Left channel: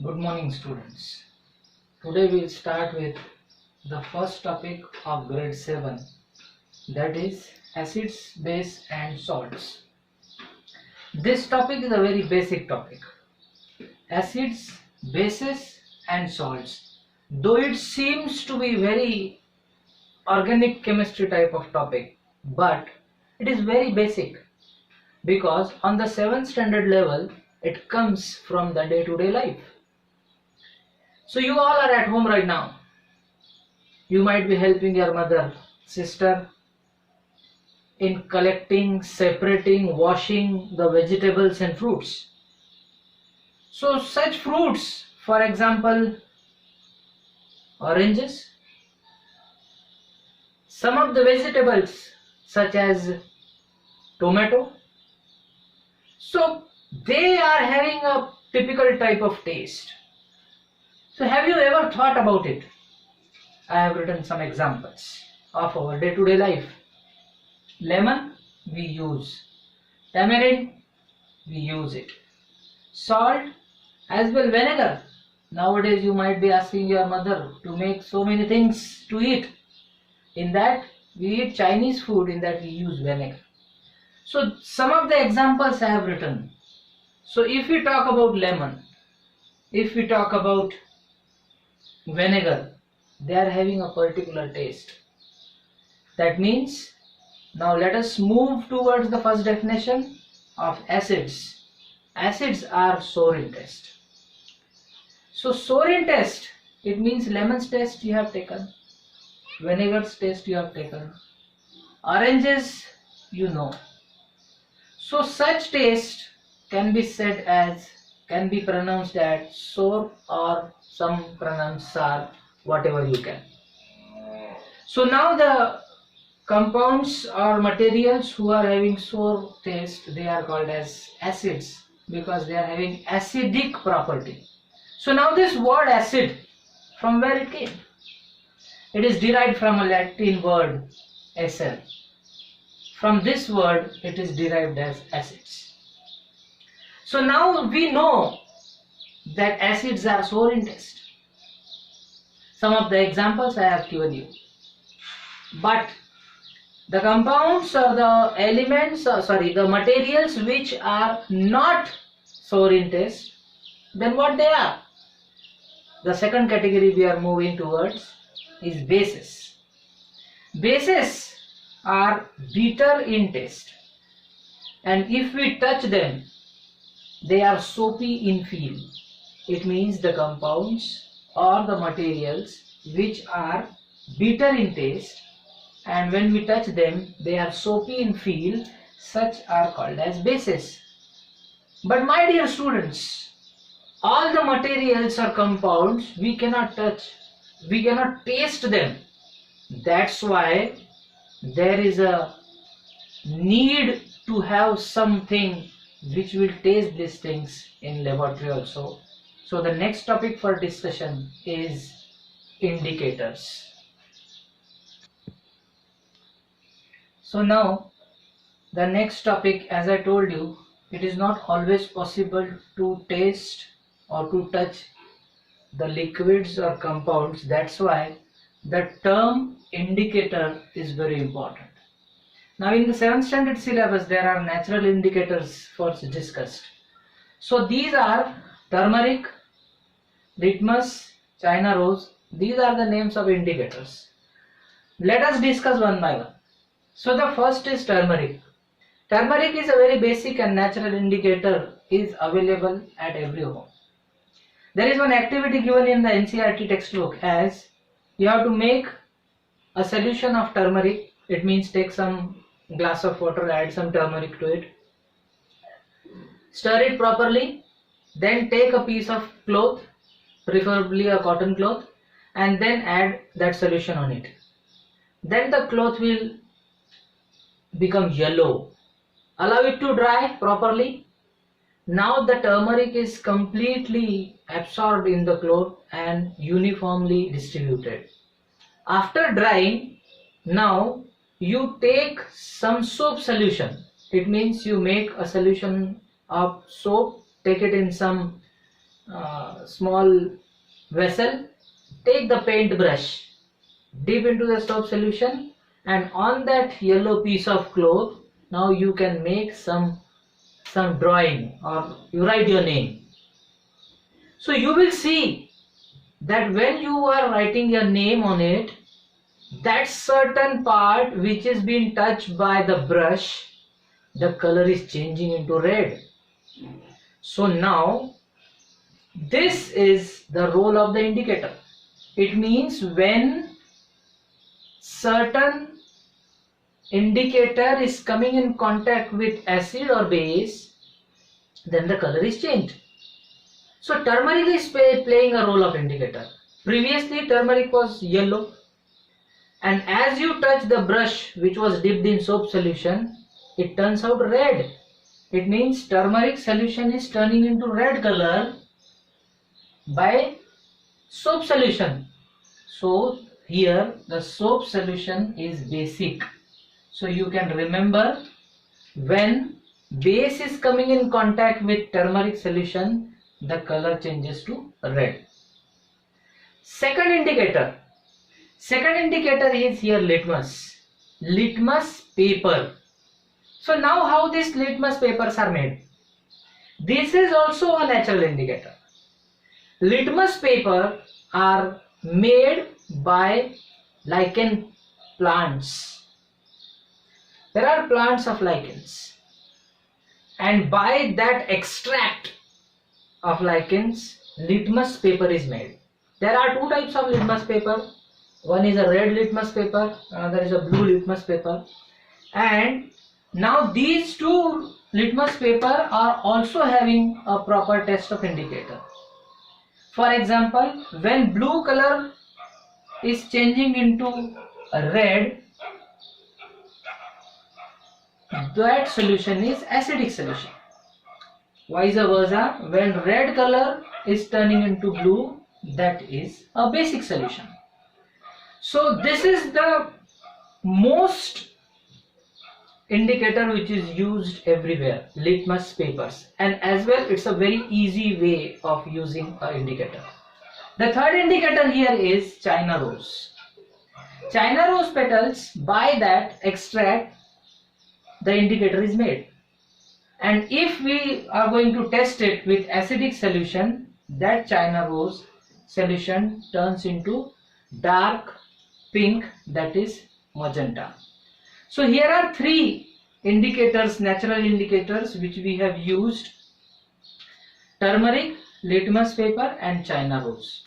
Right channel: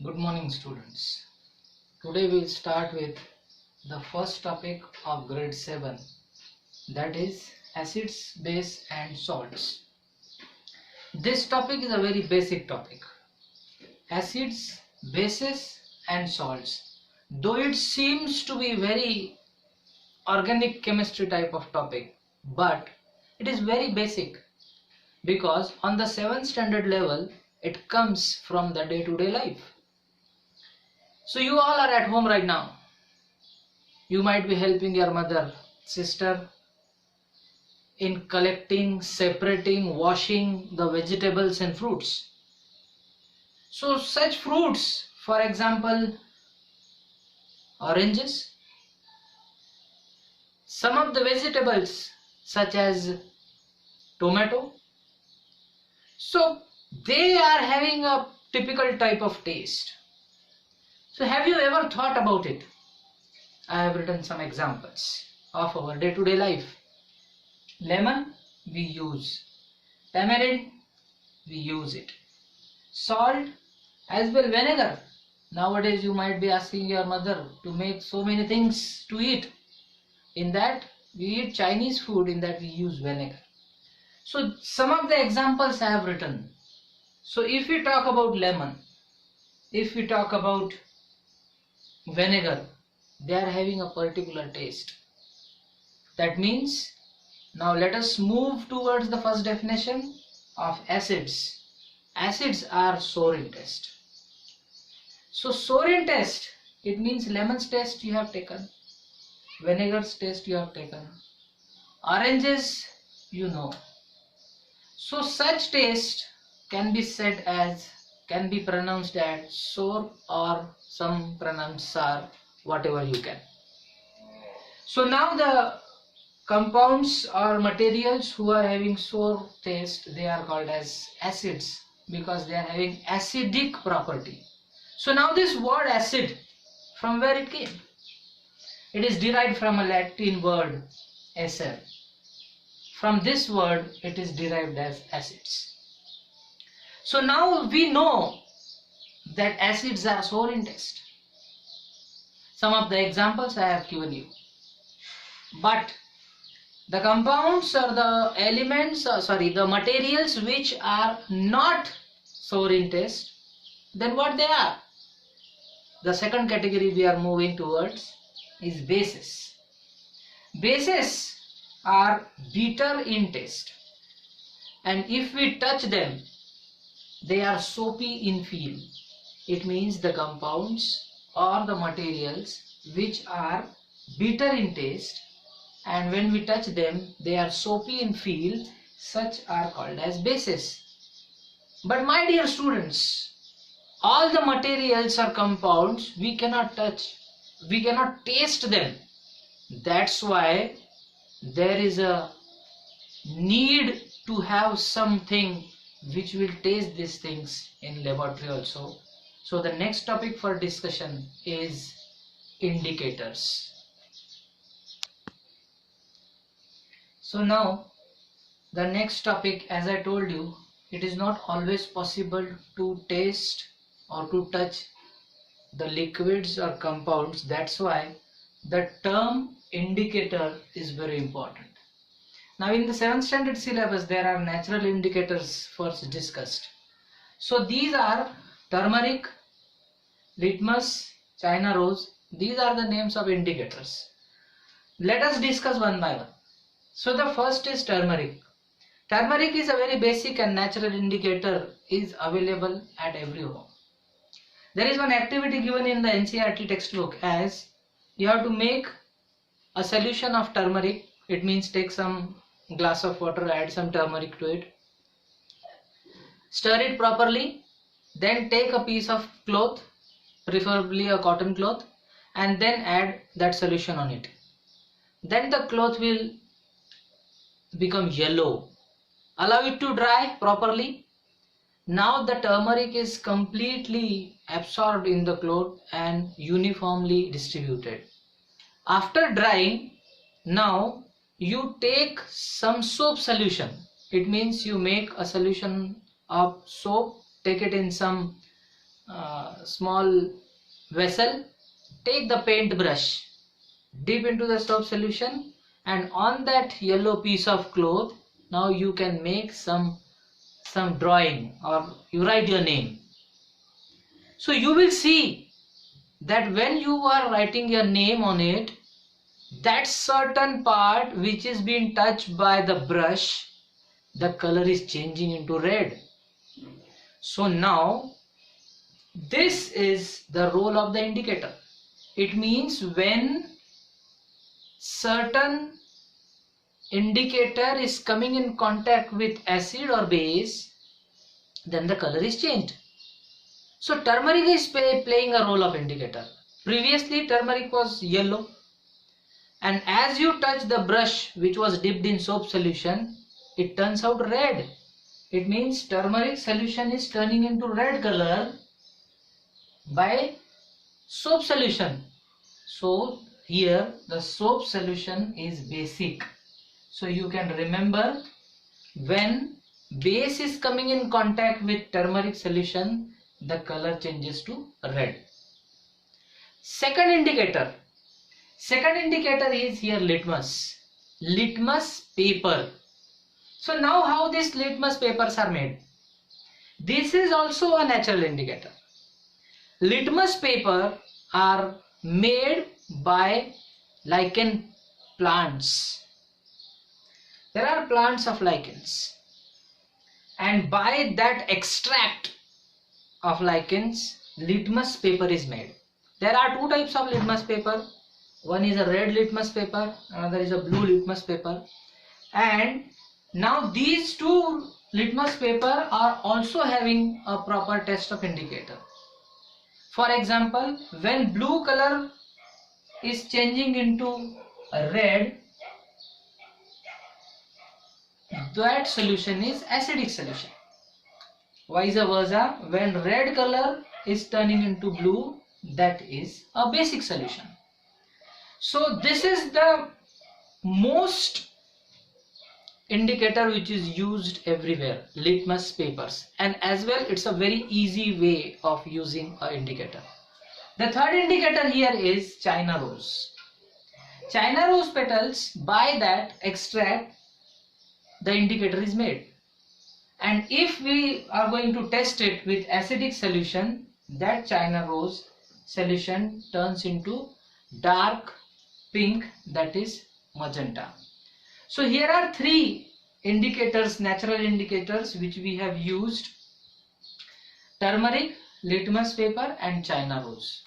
Good morning, students. Today we'll start with the first topic of grade 7, that is acids, base and salts. This topic is a very basic topic. Acids, bases and salts. Though it seems to be very organic chemistry type of topic, but it is very basic because on the 7th standard level it comes from the day-to-day life. So you all are at home right now. You might be helping your mother, sister in collecting, separating, washing the vegetables and fruits. So such fruits, for example, oranges, some of the vegetables such as tomato, so they are having a typical type of taste. So have you ever thought about it? I have written some examples of our day-to-day life. Lemon, we use. Tamarind, we use it. Salt, as well vinegar. Nowadays you might be asking your mother to make so many things to eat. In that we eat Chinese food, in that we use vinegar. So some of the examples I have written. So if we talk about lemon, if we talk about vinegar, they are having a particular taste. That means now let us move towards the first definition of acids. Acids are sour in taste. So sour in taste, it means lemon's taste you have taken, vinegar's taste you have taken, oranges you know. So such taste can be said as, can be pronounced as sour, or some pronounce sour, whatever you can. So now the compounds or materials who are having sour taste, they are called as acids because they are having acidic property. So now this word acid, from where it came? It is derived from a Latin word acer. From this word it is derived as acids. So now we know that acids are sour in taste. Some of the examples I have given you. But the compounds or the elements, the materials which are not sour in taste, then what they are? The second category we are moving towards is bases. Bases are bitter in taste, and if we touch them, they are soapy in feel. It means the compounds or the materials which are bitter in taste, and when we touch them they are soapy in feel, such are called as bases. But my dear students, all the materials or compounds we cannot touch, we cannot taste them. That's why there is a need to have something which will taste these things in laboratory also. So the next topic for discussion is indicators. So now the next topic, as I told you, it is not always possible to taste or to touch the liquids or compounds. That's why the term indicator is very important. Now in the 7th standard syllabus there are natural indicators first discussed. So these are turmeric, litmus, China rose. These are the names of indicators. Let us discuss one by one. So the first is turmeric. Turmeric is a very basic and natural indicator, is available at every home. There is one activity given in the NCERT textbook as you have to make a solution of turmeric. It means take some glass of water, add some turmeric to it, stir it properly, then take a piece of cloth, preferably a cotton cloth, and then add that solution on it. Then the cloth will become yellow. Allow it to dry properly. Now the turmeric is completely absorbed in the cloth and uniformly distributed. After drying, now you take some soap solution. It means you make a solution of soap, take it in some small vessel, take the paint brush, dip into the soap solution, and on that yellow piece of cloth, now you can make some drawing, or you write your name. So you will see that when you are writing your name on it, that certain part which is being touched by the brush, the color is changing into red. So now this is the role of the indicator. It means when certain indicator is coming in contact with acid or base, then the color is changed. So turmeric is playing a role of indicator. Previously turmeric was yellow, and as you touch the brush which was dipped in soap solution, it turns out red. It means turmeric solution is turning into red color by soap solution. So here the soap solution is basic. So you can remember, when base is coming in contact with turmeric solution, the color changes to red. Second indicator is here litmus paper. So now how these litmus papers are made? This is also a natural indicator. Litmus paper are made by lichen plants. There are plants of lichens, and by that extract of lichens, litmus paper is made. There are two types of litmus paper. One is a red litmus paper, another is a blue litmus paper. And now these two litmus paper are also having a proper test of indicator. For example, when blue color is changing into red, that solution is acidic solution. Vice versa, when red color is turning into blue, that is a basic solution. So this is the most indicator which is used everywhere, litmus papers, and as well it's a very easy way of using an indicator. The third indicator here is China rose. China rose petals, by that extract the indicator is made, and if we are going to test it with acidic solution, that China rose solution turns into dark pink, that is magenta. So here are three indicators, natural indicators, which we have used: turmeric, litmus paper and China rose.